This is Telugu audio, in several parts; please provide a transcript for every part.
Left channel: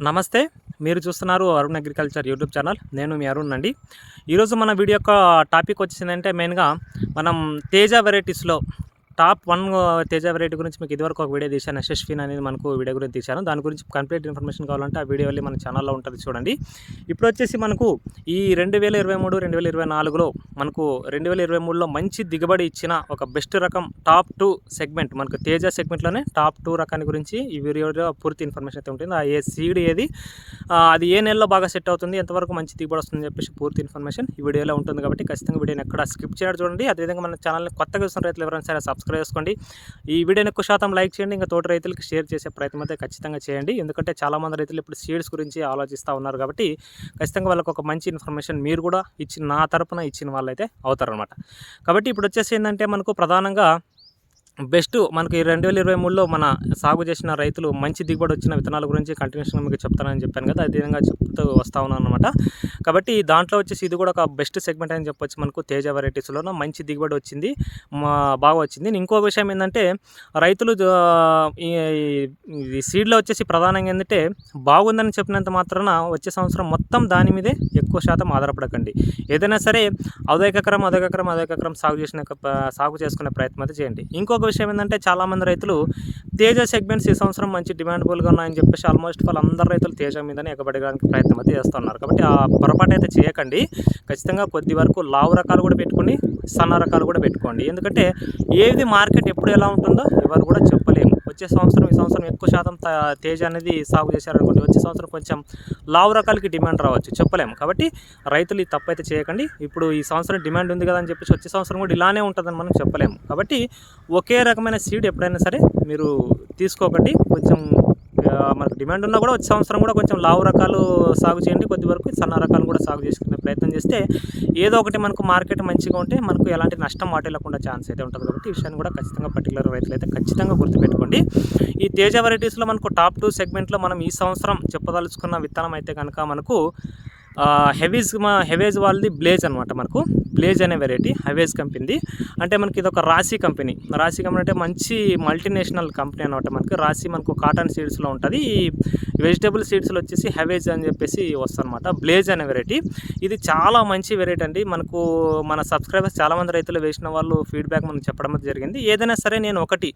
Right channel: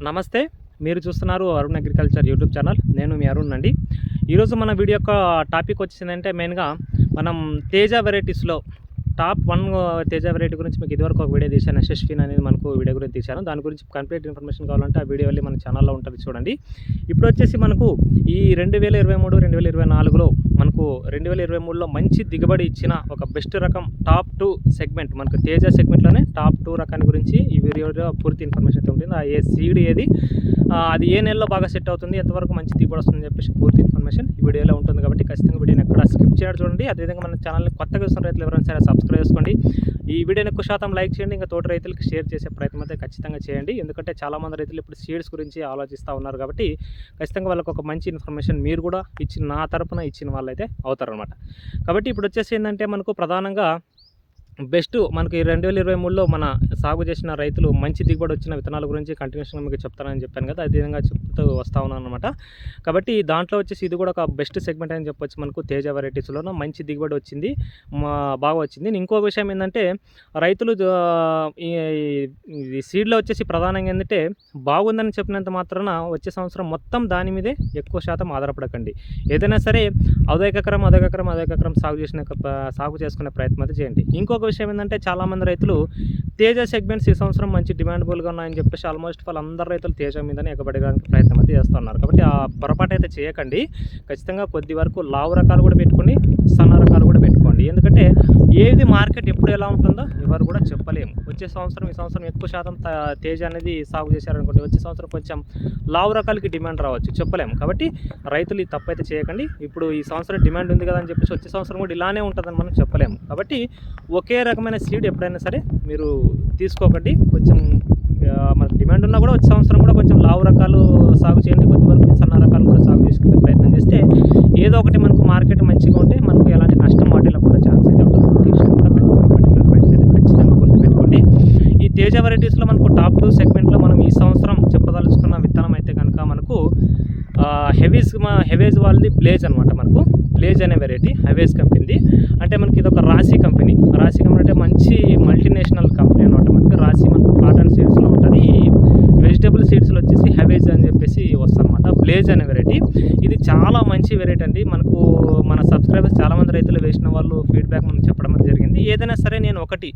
నమస్తే మీరు చూస్తున్నారు అరుణ్ అగ్రికల్చర్ యూట్యూబ్ ఛానల్. నేను మీ అరుణ్ అండి. ఈరోజు మన వీడియో యొక్క టాపిక్ వచ్చిందంటే మెయిన్గా మనం తేజ వెరైటీస్లో టాప్ వన్ తేజ వెరైటీ గురించి మీకు ఇదివరకు ఒక వీడియో తీశాను. యశస్విన్ అనేది మనకు వీడియో గురించి తీశాను. దాని గురించి కంప్లీట్ ఇన్ఫర్మేషన్ కావాలంటే ఆ వీడియో వెళ్ళి మన ఛానల్లో ఉంటుంది చూడండి. ఇప్పుడు వచ్చేసి మనకు ఈ రెండు వేల ఇరవై మూడు రెండు వేల ఇరవై నాలుగులో మనకు రెండు వేల ఇరవై మూడులో మంచి దిగుబడి ఇచ్చిన ఒక బెస్ట్ రకం టాప్ టూ సెగ్మెంట్ మనకు తేజ సెగ్మెంట్లోనే టాప్ టూ రకాన్ని గురించి ఈ వీడియోలో పూర్తి ఇన్ఫర్మేషన్ అయితే ఉంటుంది. ఆ ఏ సీడ్ ఏది అది ఏ నెలలో బాగా సెట్ అవుతుంది ఎంతవరకు మంచి దిగుబడి వస్తుందని చెప్పేసి పూర్తి ఇన్ఫర్మేషన్ ఈ వీడియోలో ఉంటుంది కాబట్టి ఖచ్చితంగా వీడియోని ఎక్కడ స్కిప్ చేయడం చూడండి. అదేవిధంగా మన ఛానల్ని కొత్తగా చూసిన రైతులు ఎవరైనా సరే సబ్స్క్రైబ్ చేసుకోండి. ఈ వీడియోని ఎక్కువ శాతం లైక్ చేయండి ఇంకా తోటి రైతులకు షేర్ చేసే ప్రయత్నం అయితే ఖచ్చితంగా చేయండి. ఎందుకంటే చాలామంది రైతులు ఇప్పుడు సీడ్స్ గురించి ఆలోచిస్తూ ఉన్నారు కాబట్టి ఖచ్చితంగా వాళ్ళకి ఒక మంచి ఇన్ఫర్మేషన్ మీరు కూడా ఇచ్చిన నా తరపున ఇచ్చిన వాళ్ళైతే అవుతారనమాట కాబట్టి ఇప్పుడు వచ్చేసి ఏంటంటే మనకు ప్రధానంగా బెస్ట్ మనకి రెండు వేల ఇరవై మూడులో మన సాగు చేసిన రైతులు మంచి దిగుబడి వచ్చిన విత్తనాల గురించి కంటిన్యూషన్గా మీకు చెప్తానని చెప్పాను కదా అదే విధంగా చెప్తూ వస్తా ఉన్నాను అనమాట కాబట్టి దాంట్లో వచ్చేసి ఇది కూడా ఒక బెస్ట్ సెగ్మెంట్ అని చెప్పొచ్చు మనకు తేజ వెరైటీస్లోనూ మంచి దిగుబడి వచ్చింది మా బాగా వచ్చింది. ఇంకో విషయం ఏంటంటే రైతులు ఈ సీడ్లో వచ్చేసి ప్రధానంగా ఏంటంటే బాగుందని చెప్పినంత మాత్రాన వచ్చే సంవత్సరం మొత్తం దాని మీదే ఎక్కువ శాతం ఆధారపడకండి. ఏదైనా సరే అదొకకరం అదొకకరం అదొకకరం సాగు చేసిన సాగు చేసుకునే ప్రయత్నం అయితే చేయండి. ఇంకొక విషయం ఏంటంటే చాలామంది రైతులు తేజ సెగ్మెంట్స్ ఈ సంవత్సరం మంచి డిమాండబుల్గా ఉన్నాయని చెప్పేసి ఆల్మోస్ట్ వాళ్ళందరూ రైతులు తేజ మీదనే ఎగబడడానికి ప్రయత్నం అయితే చేస్తున్నారు. కాబట్టి ఆ పొరపాటు అయితే చేయకండి. ఖచ్చితంగా కొద్ది వరకు లావు రకాలు కూడా పెట్టుకొని సన్న రకాలు కూడా పెట్టుకోండి. ఎందుకంటే ఏది మార్కెట్ ఎప్పుడు ఎలా ఉంటుందో ఎవరు కూడా చెప్పలేము. వచ్చే సంవత్సరం ఈ సంవత్సరం ఎక్కువ శాతం తేజ అనేది సాగు చేశారనుకోండి వచ్చే సంవత్సరం కొంచెం లావు రకాలకి డిమాండ్ రావచ్చు. చెప్పలేము. కాబట్టి రైతులు ఈ తప్పైతే చేయకండి. ఇప్పుడు ఈ సంవత్సరం డిమాండ్ ఉంది కదా అని చెప్పేసి వచ్చే సంవత్సరం కూడా ఇలానే ఉంటుందని మనం చెప్పలేము. కాబట్టి ఒకే ఒకే రకమైన సీడ్ ఎప్పుడైనా సరే మీరు తీసుకోకండి. కొంచెం మనకు డిమాండ్ ఉన్నా కూడా వచ్చే సంవత్సరం కూడా కొంచెం లావు రకాలు సాగు చేయండి. కొద్ది వరకు సన్న రకాలు కూడా సాగు చేసుకునే ప్రయత్నం చేస్తే ఏదో ఒకటి మనకు మార్కెట్ మంచిగా ఉంటే మనకు ఎలాంటి నష్టం వాటిల్లకుండా ఛాన్స్ అయితే ఉంటుంది. ఈ విషయాన్ని కూడా ఖచ్చితంగా పట్టి రైతులు అయితే ఖచ్చితంగా గుర్తుపెట్టుకోండి. ఈ తేజ వెరైటీస్లో మనకు టాప్ టూ సెగ్మెంట్లో మనం ఈ సంవత్సరం చెప్పదలుచుకున్న విత్తనం అయితే కనుక మనకు హెవీస్ మా హెవేజ్ వాళ్ళది బ్లేజ్ అనమాట మనకు. బ్లేజ్ అనే వెరైటీ హెవేజ్ కంపెనీది. అంటే మనకి ఇది ఒక రాశి కంపెనీ. రాశి కంపెనీ అంటే మంచి మల్టీనేషనల్ కంపెనీ అనమాట మనకి. రాశి మనకు కాటన్ సీడ్స్లో ఉంటుంది. ఈ వెజిటేబుల్ సీడ్స్లో వచ్చేసి హెవేజ్ అని చెప్పేసి వస్తుందన్నమాట. బ్లేజ్ అనే వెరైటీ ఇది చాలా మంచి వెరైటీ అండి. మనకు మన సబ్స్క్రైబర్స్ చాలామంది రైతులు వేసిన వాళ్ళు ఫీడ్బ్యాక్ మనం చెప్పడం జరిగింది. ఏదైనా సరే నేను ఒకటి.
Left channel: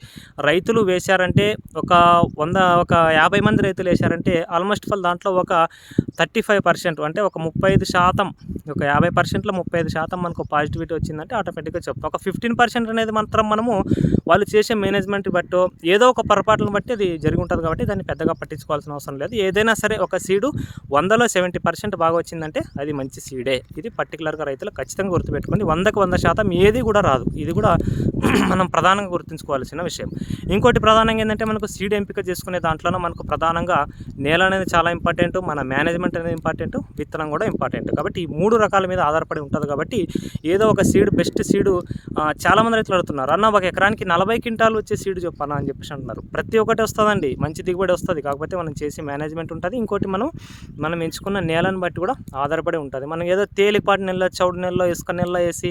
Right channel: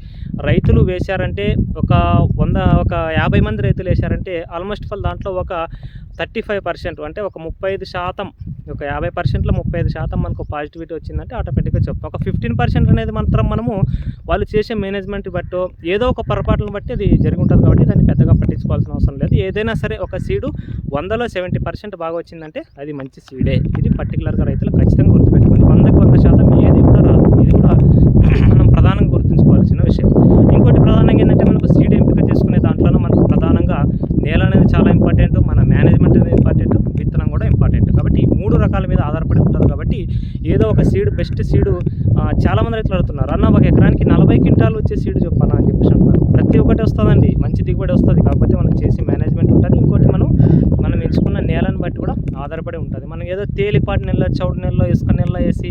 రైతులు వేశారంటే ఒక వంద ఒక యాభై మంది రైతులు వేశారంటే ఆల్మోస్ట్ ఫల్ దాంట్లో ఒక థర్టీ ఫైవ్ పర్సెంట్ అంటే ఒక ముప్పై ఐదు శాతం ఒక యాభై పర్సెంట్లో ముప్పై ఐదు శాతం మనకు పాజిటివిటీ వచ్చిందంటే ఆటోమేటిక్గా చెప్తాం ఒక ఫిఫ్టీన్ పర్సెంట్ అనేది మాత్రం మనము వాళ్ళు చేసే మేనేజ్మెంట్ బట్టో ఏదో ఒక పొరపాట్లను బట్టి అది జరిగి ఉంటుంది కాబట్టి దాన్ని పెద్దగా పట్టించుకోవాల్సిన అవసరం లేదు. ఏదైనా సరే ఒక సీడు వందలో సెవెంటీ పర్సెంట్ బాగా వచ్చిందంటే అది మంచి సీడే ఇది పర్టికులర్గా రైతులు ఖచ్చితంగా గుర్తుపెట్టుకోండి. వందకు వంద శాతం ఏది కూడా రాదు. ఇది కూడా మనం ప్రధానంగా గుర్తుంచుకోవాల్సిన విషయం. ఇంకోటి ప్రధానంగా ఏంటంటే మనకు సీడ్ ఎంపిక చేసుకునే దాంట్లోనూ మనకు ప్రధానంగా నేల అనేది చాలా ఇంపార్టెంట్ మన మేనేజ్మెంట్ అనేది ఇంపార్టెంట్ విత్తనం కూడా ఇంపార్టెంట్. కాబట్టి ఈ మూడు రకాల మీద ఆధారపడి ఉంటుంది కాబట్టి ఏదో ఒక సీడ్ బెస్ట్ సీడు చాలామంది రైతులు అడుగుతున్నారు అన్న ఒక ఎకరానికి నలభై క్వింటాలు వచ్చే సీడ్ చెప్పాలా అని చెప్పేసి అంటున్నారు. ప్రతి ఒక్కటి వస్తుందండి మంచి దిగుబడి వస్తుంది. కాకపోతే మనం చేసే మేనేజ్మెంట్ ఉంటుంది ఇంకోటి మనం మనం ఎంచుకున్న నేలను బట్టి కూడా ఆధారపడి ఉంటుంది. మనం ఏదో తేలిపాటి నెలలో చౌడు నెలలో ఇసుక నెలలో వేసి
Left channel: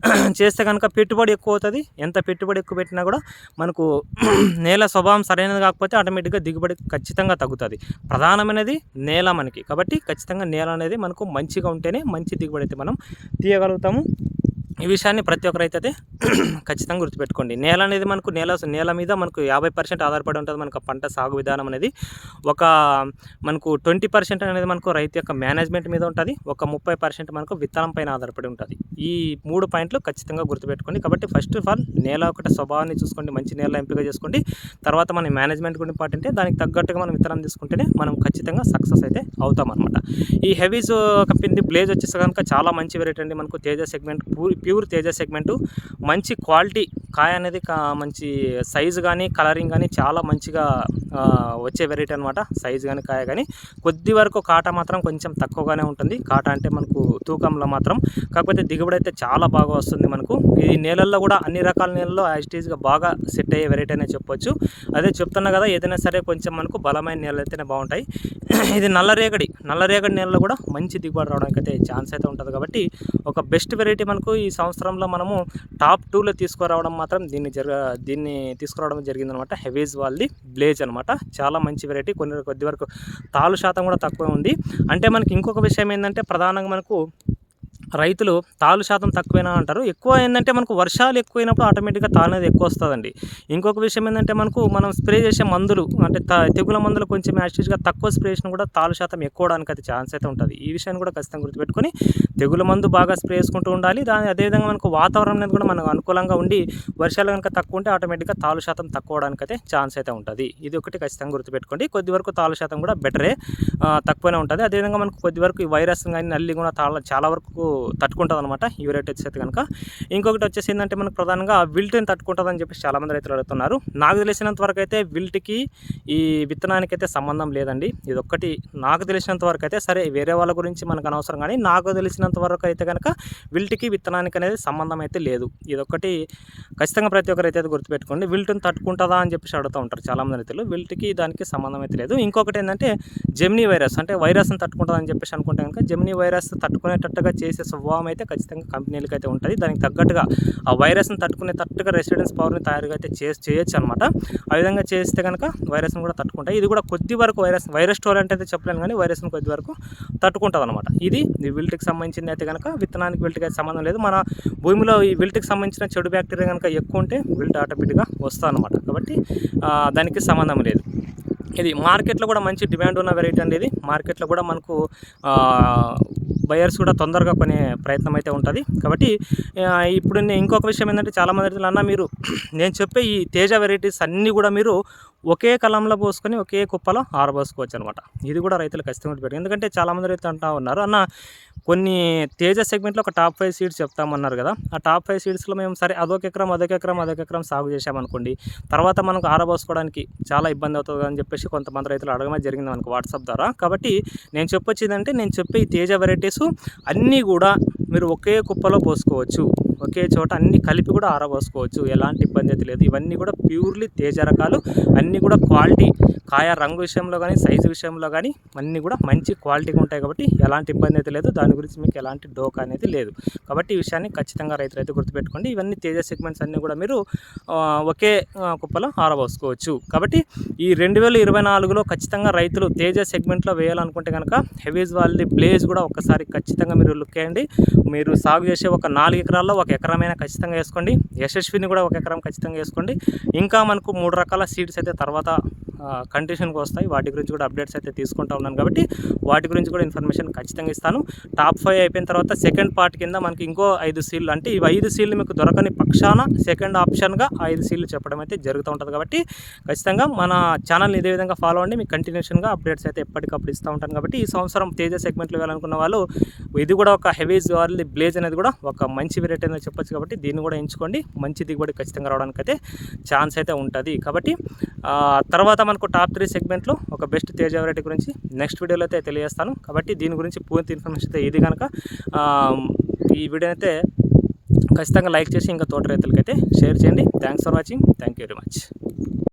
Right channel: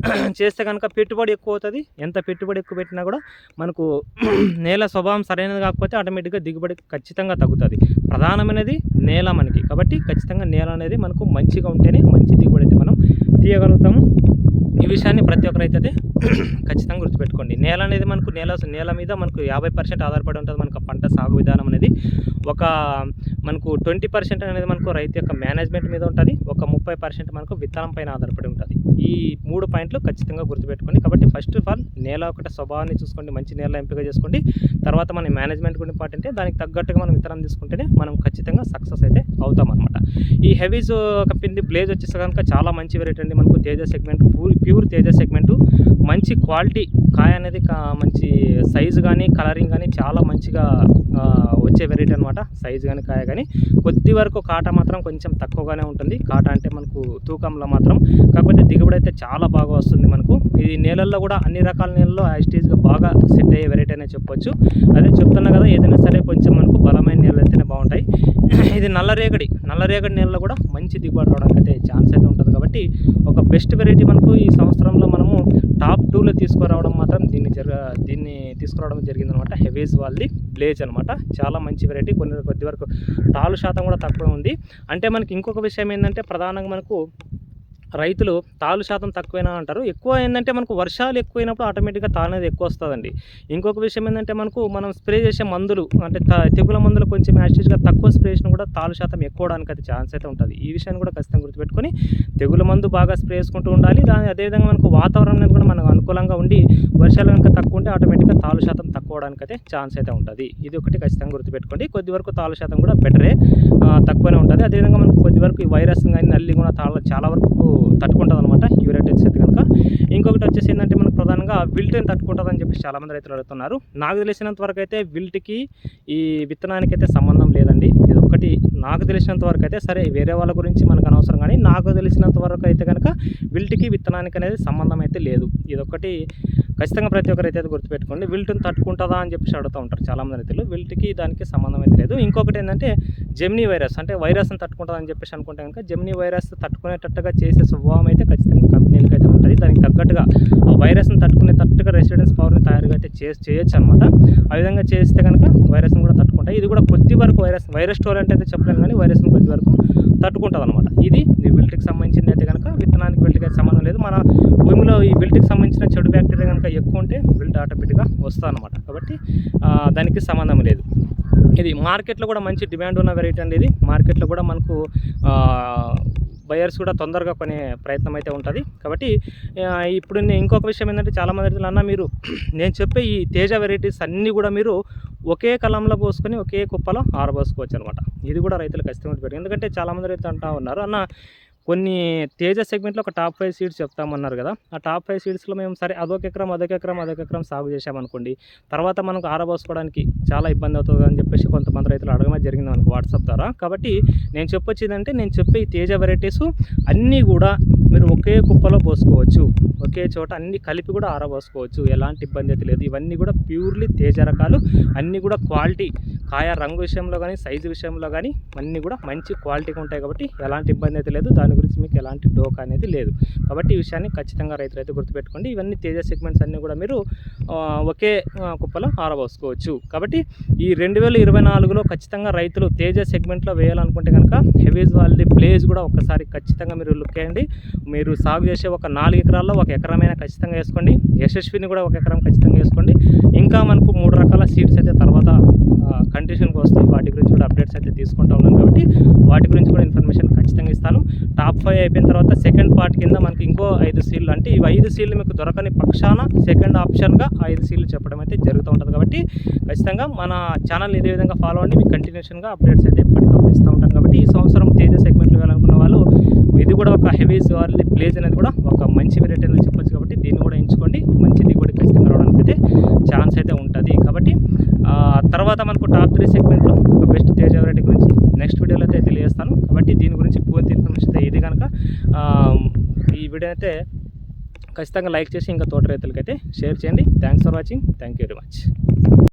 చేస్తే కనుక పెట్టుబడి ఎక్కువ అవుతుంది. ఎంత పెట్టుబడి ఎక్కువ పెట్టినా కూడా మనకు నేల స్వభావం సరైనది కాకపోతే ఆటోమేటిక్గా దిగుబడి ఖచ్చితంగా తగ్గుతుంది. ప్రధానమైనది నేల మనకి. కాబట్టి ఖచ్చితంగా నేల అనేది మనకు మంచిగా ఉంటేనే మంచి దిగుబడి అయితే మనం తీయగలుగుతాము. ఈ విషయాన్ని ప్రతి ఒక్కరైతే అయితే ఖచ్చితంగా గుర్తుపెట్టుకోండి. నేల అనేది మనకు నేల నేల మీద మనకు యాభై పర్సెంట్ ఆధారపడి ఉంటుంది. మనకు పంట సాగు విధానం అనేది ఒక మనకు ట్వంటీ పర్సెంట్ అనేది మనకు రైతు యొక్క మేనేజ్మెంట్ మీద ఉంటుంది. ఒక ముప్పై పర్సెంట్ మనకు విత్తనం పైన ఆధారపడి ఉంటుంది. ఈ మూడు పాయింట్లు ఖచ్చితంగా గుర్తుపెట్టుకోండి. కాబట్టి ఫస్ట్ ఆఫ్ ఆల్ నేల ఒకటి స్వభావాన్ని చూసుకోండి. మంచి నేల ఎంపిక చేసుకోండి. తర్వాత మన మేనేజ్మెంట్ కూడా ఇంపార్టెంట్ దానికి తగ్గట్టుగా మనం విత్తనం తీసుకుంటేనే మనం ఖచ్చితంగా సక్సెస్ అయితే అవుతాం అనమాట ఈ హెవీస్ కంపెనీ బ్లేజ్ వచ్చేసి కనుక చాలా మంచి వెరైటీ అండి. మనకు Teja segment pure Teja segment. మంచి క్వాలిటీ కాయ అనేది కా- మంచి సైజు కానీ కలరింగ్ కానీ చాలా మంచిగా వచ్చే వెరైటీ అనమాట సైజు కానీ కాయ కానీ కొద్ది వరకు కాట మాత్రం కొంచెం తక్కువగానే ఉంటుంది. కాట అంటే మనకు తూకంలో మాత్రం. కాకపోతే దిగుబడి అయితే చాలా బాగా వస్తుంది మనకు. ఈ నేలల్లో కూడా అన్ని రకాల నేలల్లో యాస్టీజ్గా బాగా సెట్ అయ్యే వెరైటీ అనే చెప్పొచ్చు. అదే చెప్తున్నా కదా ఏదైనా సరే కొంచెం మనకు బలమైన నేలలు అయితేనే బాగుంటాయి. ఇది నల్లరేగడి నల్లరేగడి నేలలో కూడా మంచి దిగుబడి రావడానికి అయితే ఛాన్స్ అయితే ఉంటుంది కాబట్టి ఒక బెస్ట్ వెరైటీ మనకు ఈ సంవత్సరంలో మనము టాప్ టూలో తీసుకురావడం మాత్రం దీన్ని జరగ దీన్ని తీసుకురావడం జరిగిందనమాట. హెవీజ్ వాళ్ళది బ్లేజ్ అనమాట. చాలా మంచి వెరైటీ కొన్ని కొద్ది వరకు తాలు శాతం కూడా తక్కువ ఉంది. అంటే మనకి ఇంకొక విషయం ఏంటంటే ప్రధానంగా మనకు రైతులు తాలు శాతం తక్కువైనా అంటారు. ఎక్కువ ఏంటంటే మనకు వర్షాలు ఎక్కువైనప్పుడు ఆటోమేటిక్గా తాళ్ళు అనేది ఎక్కువ వస్తుందండి ఇంకొక విషయం ఏంటంటే మనకు మనం స్ప్రే చేసే మందులు అంటే తెగుల మందులు కొంచెం యాక్చువల్గా తక్కువ స్ప్రే చేసినా కూడా తాలు శాతం ఎక్కువడానికి అయితే ఛాన్స్ అయితే ఉంటుంది. ఈ విషయాన్ని కూడా ఖచ్చితంగా గుర్తుపెట్టుకొని తెగుల మందు బాగా స్ప్రే చేసుకుంటూ ఉండాలి. దాని అదేవిధంగా మనకు వాతావరణం అనేది కూడా మనకు అనుకూలంగా ఉండి వర్షాలు కనుక తక్కువ ఉంటే ఆటోమేటిక్గా తాలు శాతం తక్కువ అవడానికి అయితే ఛాన్స్ అయితే ఉంటుంది. ఇది ఒకటి ఖచ్చితంగా గుర్తుపెట్టుకోండి. కొద్ది వరకు తాళ్ళ శాతం కూడా బెటరే తక్కువనే ఉంటుంది. అదేవిధంగా మనకు కొద్ది వరకు ఈ వైరస్ కానీ నల్లి కూడా తాళ్ళ చాలా వరకు తట్టుకుంటుంది అనమాట యూరేట్ వచ్చేది కనుక ఇంకొకటి వచ్చేసి ఏంటంటే మనకు ప్రధానంగా విల్ట్ని తట్టుకుంటుంది అని చెప్పేసి చాలామంది రైతులు అడుగుతున్నారు. నాకు తెలిసినంత వరకు అయితే విల్ట్కి ఈ విత్తనానికి అయితే సంబంధం లేదండి. ఇది ఒక్కటి నాకు తెలిసినంత వరకు అయితే సరే వేరే వాళ్ళ గురించి మనకు అనవసరం కానీ నాకు తెలిసినంత వరకు అయితే కనుక విల్ట్కి విత్తనానికి అనేది సంబంధం అయితే లేదు. ఇదొక్కటి ఖచ్చితంగా ప్రతి ఒక్కరు అయితే గుర్తుపెట్టుకోండి. విల్ట్ని తట్టుకుంటుందా అని చెప్పేసి అడుగుతూ ఉంటారు చాలామంది రైతులు. విల్ట్కి దానికి సంబంధం అయితే లేదు. ఇంకొకటి ఏంటంటే జెమినీ వైరస్ అంటే వైరస్ని తట్టుకుంటుందని చెప్పేసి అనుకుంటే కనుక జెమినీ వైరస్ తట్టుకునేటట్టుగా చేసే స్వభావం అయితే ఖచ్చితంగా కంపెనీలకి అయితే ఉంటుంది. దానికి తగ్గట్టుగా ఆ వైరస్ని తట్టుకునే తట్టుగా రెసిడెన్స్ పవర్ని తయారుగా అయితే చే చేయొచ్చు అనమాట ఆ విధంగా చేస్తే కనుక వైరస్ని కూడా తట్టుకుంటాయి. ఇది కూడా కొద్ది వరకు వైరస్ వైరస్ స్టోర్ అంటే అయితే చెప్పలేను కానీ వైరస్ని కొద్ది వరకు తట్టుకుంటుంది అనమాట ఇది విల్ట్కి సంబంధించింది అయితే కనుక విత్తనానికి విల్ట్కి అయితే సంబంధం లేదు. మన భూమిలో ఈ విల్ట్కి సంబంధించిన చెడు బ్యాక్టీరియా కనుక ఎక్కువ ఉంటే బిల్ట్ ఆటోమేటిక్గా వస్తుంది అనమాట కాబట్టి దానికి సంబంధం లేదు. ఇది మార్కెట్లో కూడా మంచి డిమాండ్ ఉన్న వెరైటీ అండి ఇది. మార్కెట్లో కూడా మనకు బయర్స్ కూడా తొందరగా కొనే ప్రయత్నం అయితే ఉంటుంది. కాబట్టి ఇప్పుడు నేను ఇంకొక విషయం ఏంటంటే చాలామంది అన్న మీరు నేను చెప్పే ఈ తేజ వెరైటీస్ అన్నీ కూడా మీరు ఒకే కలంలో పోసుకొని ఒకే కుప్పలో ఆరబోసుకోవచ్చు అనమాట. ఇది కూడా రైతులు ఖచ్చితంగా పెట్టారు ఎందుకంటే చాలామంది రైతులు అంటూ ఉన్నారు అన్న కొన్ని తేజ సెగ్మెంట్లో ఒక టాప్ ఫైవ్ సీడ్స్ చెప్తామన్నారు కదా ఆ టాప్ ఫైవ్ సీడ్స్లో మేము సరే అదొక ఎకరం అదొక ఎకరం అదొక ఎకరం సాగు చేసామనుకోండి తర్వాత మనకు ఆరబోసుకోవడానికి చాలా ఇబ్బంది అవుతుంది అని చెప్పేసి కొంతమంది రైతులు అడగమే జరిగింది మనకు వాట్సాప్ ద్వారా. కాబట్టి నేను చెప్పొచ్చేదంటే నేను చెప్పే ఈ తేజ వెరైటీస్ అన్నీ కూడా మీరు ఒకే కుప్పలో పోసుకోవచ్చు. ఒకే చోట అన్ని కలిపి కూడా ఆరబోసుకోవచ్చు. ఎలాంటి ఇబ్బంది అయితే లేదు. ఇవన్నీ కూడా ప్యూర్లీ తేజ రకాలు. అన్నీ కూడా క్వాలిటీ కాయ రంగు విషయంలో కానీ సైజు విషయంలో కానీ అన్నీ కూడా మంచి క్వాలిటీగా ఉంటాయి కాబట్టి ఎలాంటి ఇబ్బంది అయితే లేదు. దాని గురించి మీకు ఎలాంటి డోకా అనేది లేదు. కాబట్టి ఈ విషయాన్ని ఖచ్చితంగా రైతులు అయితే గుర్తుపెట్టుకోండి. ఇవన్నీ తేజ సెగ్మెంట్స్ అన్నీ కూడా మీరు ఒకే కుప్పలో ఆరబోసుకోవచ్చు. కాబట్టి ఈ రెండు వేల ఇరవై నాలుగులో ఖచ్చితంగా రైతులు తేజ సెగ్మెంట్లో వేయాలనుకుంటే కనుక హెవీస్ వాళ్ళది ప్లేస్ కూడా ఒక్కసారి ఖచ్చితంగా మీరు లుక్ చేయండి మీరు సాగు చేసే ఒక నాలుగు ఎకరాల్లో ఒక ఎకరమైనా ఖచ్చితంగా వేసుకోండి. యశస్విని కూడా ఒక ఎకరం ఖచ్చితంగా వేసుకోండి. ఇంకా మనకు మూడు రకాల సీడ్స్ అయితే తర్వాత కండిషన్కి వస్తాయి. వాటి గురించి కూడా అప్డేట్స్ అయితే తీసుకుంటా ఉన్నాను కాబట్టి వాటి గురించి కూడా ఇన్ఫర్మేషన్ ఖచ్చితంగా ఇస్తాను. టాప్ ఫైవ్ అయిపోయిన తర్వాత సెకండ్ పార్ట్ కింద మనకి ఇంకో ఐదు సీళ్ళు అంటే ఇవి ఐదు సీళ్ళు మీకు దొరకని పక్షాన సెకండ్ ఆప్షన్గా ఐదు సీళ్ళు చెప్పడం అయితే జరుగుతూ ఉంటుంది కాబట్టి ఖచ్చితంగా మన ఛానల్ని ఇదే విధంగా ఫాలో అవ్వండి. మీకు కంటిన్యూషన్గా అప్డేట్స్ అయితే ఎప్పటికప్పుడు ఇస్తూ ఉంటాను కాబట్టి ఈ సంవత్సరం తేజ సెగ్మెంట్లో వెళ్ళాలనుకున్న వాళ్ళు ఇది కూడా ఒక హెవీ జార్లీ ప్లేజ్ అనేది కూడా ఒక మంచి వెరైటీ అనేది చెప్పొచ్చు కాబట్టి దీన్ని కూడా ఎంచుకోండి. మంచి దిగుబడి ఖచ్చితంగా రావడానికి అయితే ఛాన్స్ అయితే ఉంటుంది. కాబట్టి తర్వాత మనం టాప్ త్రీ సెగ్మెంట్లో ఒక బెస్ట్ తేజ వెరైటీ గురించి నెక్స్ట్ వీడియోలో అయితే తెలియజేస్తాను. కాబట్టి దీని గురించి పూర్తి ఇన్ఫర్మేషన్ అయితే ఇది కనుక ఈ వీడియో అయితే ఖచ్చితంగా లైక్ చేసి ఇంకా తోట రైతులకైతే షేర్ చేయండి. Thanks for watching. Thank you very much.